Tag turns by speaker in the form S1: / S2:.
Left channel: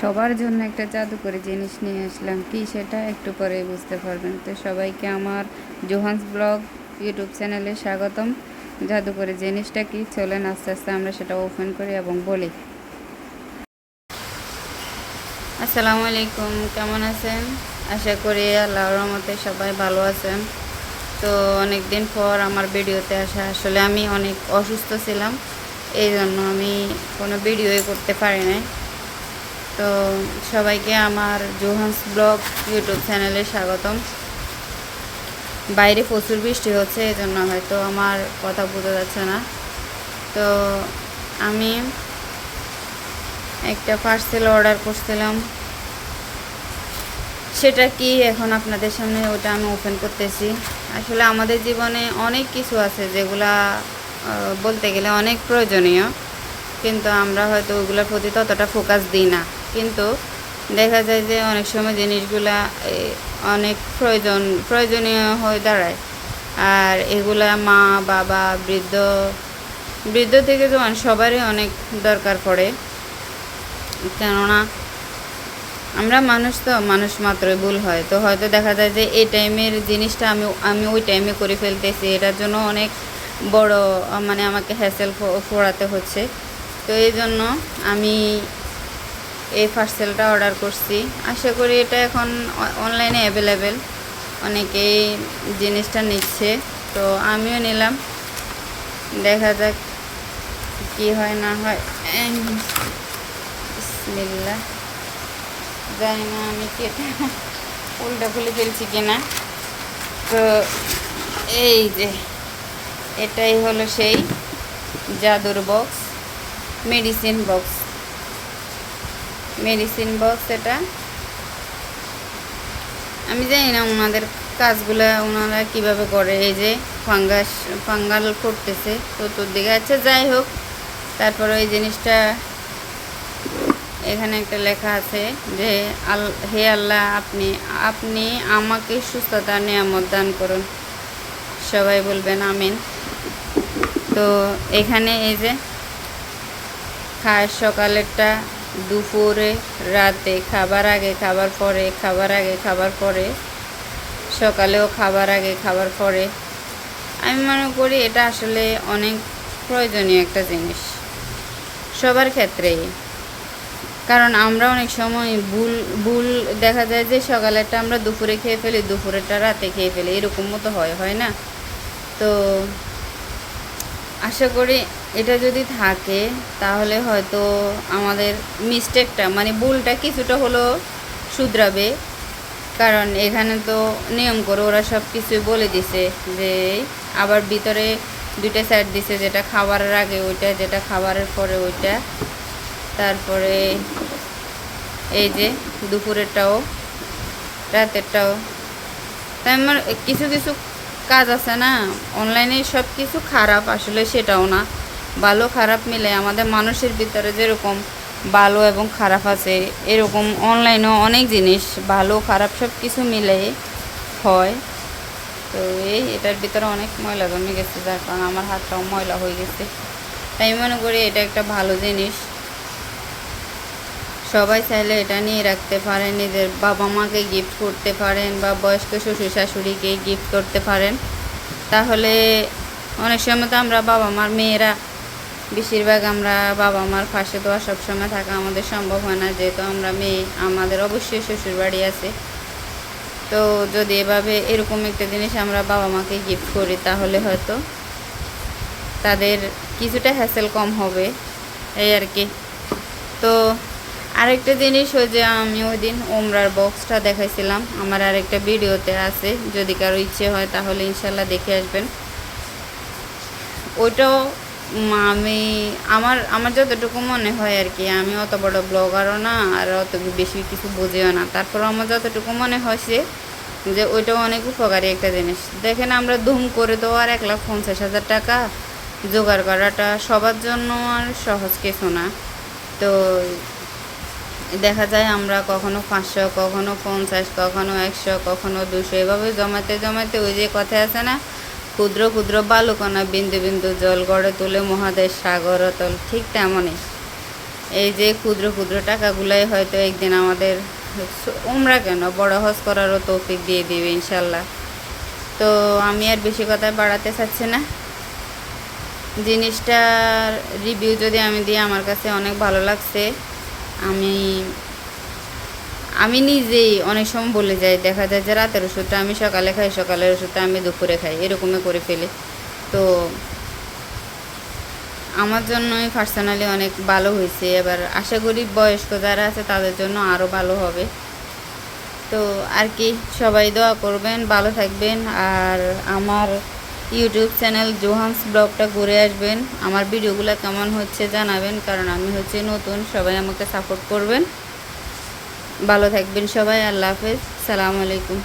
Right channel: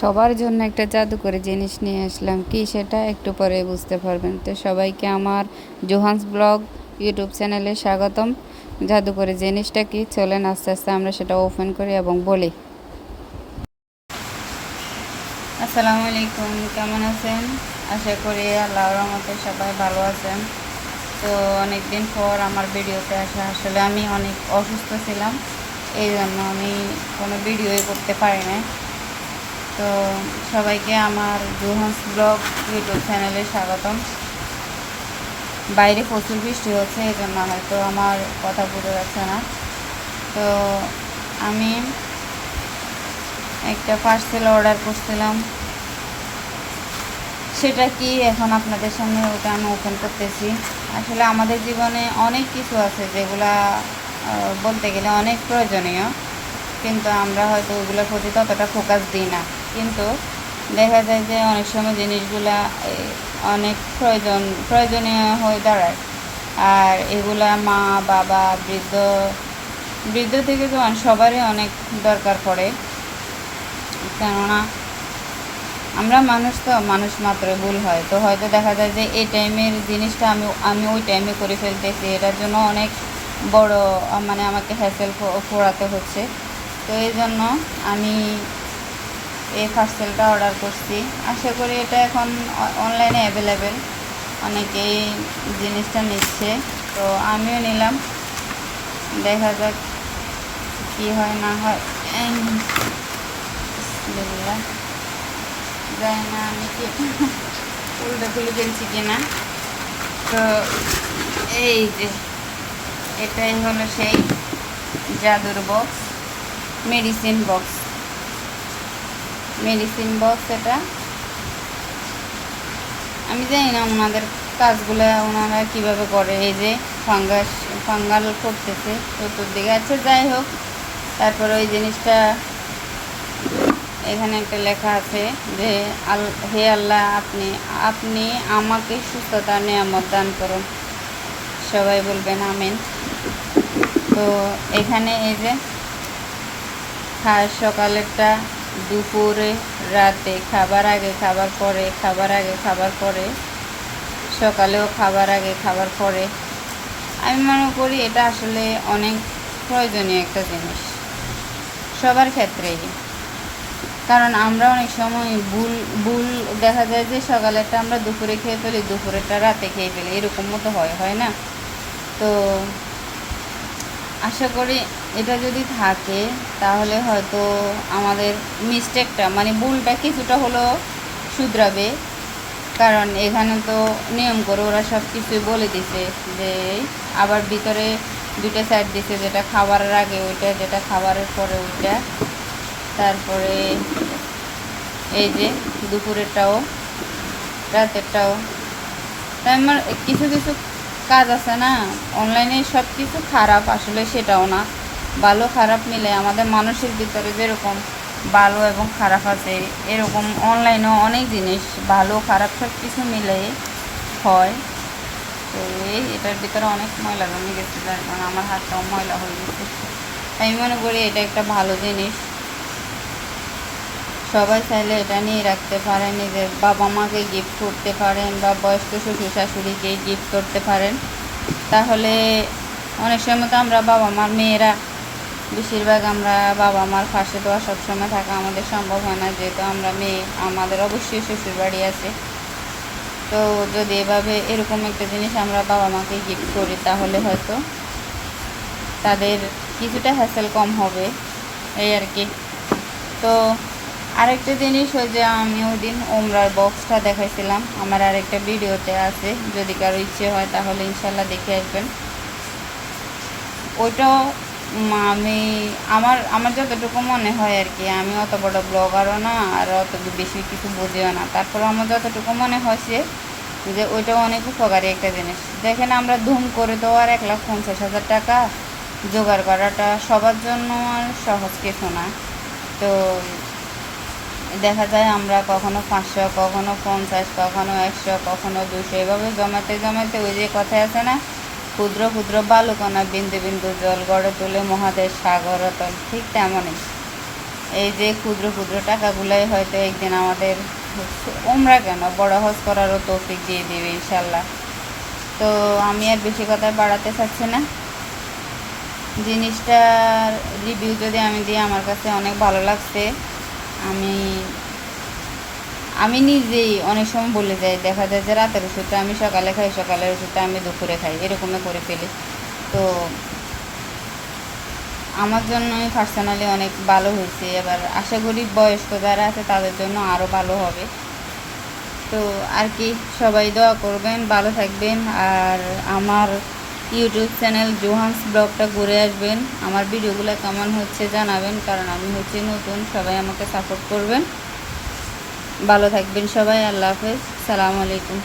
S1: সবার জন্য একটা জাদুকরি জিনিস নিয়ে আসলাম। কি সেটা একটু পরে বুঝতে পারবেন। তো সবাইকে আমার জোহান্স ব্লগ ইউটিউব চ্যানেলে স্বাগতম। জাদুকরি জিনিসটা কি? চলেন আস্তে আস্তে আমরা সেটা ওপেন করি এবং বলি। আসসালামু আলাইকুম, কেমন আছেন? আশা করি আল্লাহর রহমতে সবাই ভালো আছেন। তো অনেক দিন পর আমার ভিডিওতে আসা, আসলে আমি অনেক অসুস্থ ছিলাম। এই জন্য আমি কোনো ভিডিওই করতে পারি নাই। তো সবাইকে আমার জোহান্স ব্লগ ইউটিউব চ্যানেলে স্বাগতম। বাইরে প্রচুর বৃষ্টি হচ্ছে এই জন্য হয়তো আমার কথা বোঝা যাচ্ছে না। তো আমি একটা পার্সেল অর্ডার করছিলাম। সেটা কি এখন আপনাদের সামনে ওটা আমি ওপেন করতেছি। আসলে আমাদের জীবনে অনেক কিছু আছে যেগুলা বলতে গেলে অনেক প্রয়োজনীয়, কিন্তু আমরা হয়তো ওগুলোর প্রতি ততটা ফোকাস দিই না। কিন্তু দেখা যায় যে অনেক সময় জিনিসগুলা অনেক প্রয়োজন, প্রয়োজনীয় হয়ে দাঁড়ায়। আর এগুলা মা, বাবা, বৃদ্ধ বৃদ্ধ থেকে যেমন সবারই অনেক দরকার পড়ে। কেননা আমরা মানুষ তো, মানুষ মাত্রই ভুল হয়। তো হয়তো দেখা যায় যে এই টাইমের জিনিসটা আমি আমি ওই টাইমে করে ফেলতেছি, এটার জন্য অনেক বড় মানে আমাকে হ্যাসেল পোড়াতে হচ্ছে। তো এই জন্য আমি এই পার্সেলটা অর্ডার করছি। আশা করি এটা এখন অনলাইনে অ্যাভেলেবেল অনেকেই জিনিসটা নিচ্ছে। তো আমিও নিলাম। দেখা যাক কি হয়, না হয়। বিসমিল্লাহ। জানি না আমি কি এটা উল্টা খুলে ফেলছি কিনা। তো এই যে, এটাই হলো সেই জাদুর box medicine box medicine box এটা। আমি জানি না ওনাদের কাজগুলো ওনারা কীভাবে করে, এই যে ফাঙ্গাস ফাঙ্গাল করতেছে চতুর্দিকে। আচ্ছা যাই হোক, তারপরে ওই জিনিসটা এখানে একটা লেখা আছে যে, আল, হে আল্লাহ, আপনি আপনি আমাকে সুস্থতা, নিয়ামত দান করুন। সবাই বলবেন আমিন। তো এখানে এই যে, খায় সকালেরটা দুপুরে, রাতে, খাবার আগে, খাবার পরে, খাবার আগে, খাবার পরে, সকালেও খাবার আগে, খাবার পরে। আমি মনে করি এটা আসলে অনেক প্রয়োজনীয় একটা জিনিস সবার ক্ষেত্রেই। কারণ আমরা অনেক সময় ভুল ভুল দেখা যায় যে সকালেরটা আমরা দুপুরে খেয়ে ফেলি, দুপুরেরটা রাতে খেয়ে ফেলি, এরকম মতো হয় হয় না? তো আশা করি এটা যদি থাকে, তাহলে হয়তো আমাদের মিস্টেকটা মানে ভুলটা কিছুটা হলো শুধরাবে। কারণ এখানে তো নিয়ম করে ওরা সব কিছুই বলে দিছে যে আবার ভিতরে দুইটা সাইড দিছে, যেটা খাবারের আগে ওইটা, যেটা খাবারের পরে ওইটা। তারপরে এই যে দুপুরেরটাও, রাতেরটাও। তাই আমার কিছু কিছু কাজ আছে না অনলাইনে সব কিছু খারাপ, আসলে সেটাও না। ভালো, খারাপ মিলে আমাদের মানুষের ভিতরে যেরকম ভালো এবং খারাপ আছে, এরকম অনলাইনেও অনেক জিনিস ভালো, খারাপ সব কিছু মিলে হয়। তো এই, এটার ভিতরে অনেক ময়লা জমে গেছে, যার কারণে আমার হাতটাও ময়লা হয়ে গেছে। তাই মনে করি এটা একটা ভালো জিনিস। সবাই চাইলে এটা নিয়ে রাখতে পারেন, নিজের বাবা মাকে গিফট করতে পারেন বা বয়স্ক শ্বশুর শাশুড়িকে গিফট করতে পারেন। তাহলে অনেক সময় তো আমরা বাবা মার মেয়েরা বেশিরভাগ আমরা বাবা মার পাশে তো সবসময় থাকা আমাদের সম্ভব হয় না, যেহেতু আমরা মেয়ে, আমাদের অবশ্যই শ্বশুর বাড়ি আছে। তো যদি এভাবে এরকম একটা জিনিস আমরা বাবা মাকে গিফট করি, তাহলে হয়তো তাদের কিছুটা হ্যাসেল কম হবে, এই আর কি। তো আরেকটা জিনিস ওই যে, আমি ওই দিন ওমরার বক্সটা দেখাইছিলাম। আমার আরেকটা ভিডিওতে আছে, যদি কারও ইচ্ছে হয় তাহলে ইনশাল্লাহ দেখে আসবেন। ওইটাও আমি আমার আমার যতটুকু মনে হয় আর কি, আমি অত বড় ব্লগারও না, আর অত বেশি কিছু বুঝিও না। তারপর আমার যতটুকু মনে হয়েছে যে ওইটাও অনেক উপকারী একটা জিনিস। দেখেন আমরা ধুম করে তো আর এক লাখ পঞ্চাশ হাজার টাকা জোগাড় করাটা সবার জন্য আর সহজ কিছু না। তো দেখা যায় আমরা কখনো পাঁচশো, কখনো পঞ্চাশ, কখনো একশো, কখনো দুশো এভাবে জমাতে জমাতে ওই যে কথা আছে না ক্ষুদ্র ক্ষুদ্র বালুকণা বিন্দু বিন্দু জল গড়ে তোলে মহাদেশ সাগর অতল, ঠিক তেমনই। এই যে ক্ষুদ্র ক্ষুদ্র টাকাগুলাই হয়তো একদিন আমাদের উমরা কেন? বড় হজ করারও তৌফিক দিয়ে দিবে, ইনশাল্লাহ। তো আমি আর বেশি কথা বাড়াতে চাচ্ছি না। জিনিসটার রিভিউ যদি আমি দিই, আমার কাছে অনেক ভালো লাগছে। আমি আমি নিজেই অনেক সময় বলে যাই, দেখা যায় যে রাতের ওষুধটা আমি সকালে খাই, সকালের ওষুধটা আমি দুপুরে খাই, এরকমই করে ফেলি। তো আমার জন্য পার্সোনালি অনেক ভালো হয়েছে। এবার আশা করি বয়স্ক যারা আছে তাদের জন্য আরও ভালো হবে। তো আর কি, সবাই দোয়া করবেন, ভালো থাকবেন। আর আমার ইউটিউব চ্যানেল জোহান্স ব্লগটা ঘুরে আসবেন। আমার ভিডিওগুলো কেমন হচ্ছে জানাবেন, কারণ আমি হচ্ছে নতুন, সবাই আমাকে সাপোর্ট করবেন। ভালো থাকবেন সবাই আল্লাহ হাফেজ। সালামু আলাইকুম।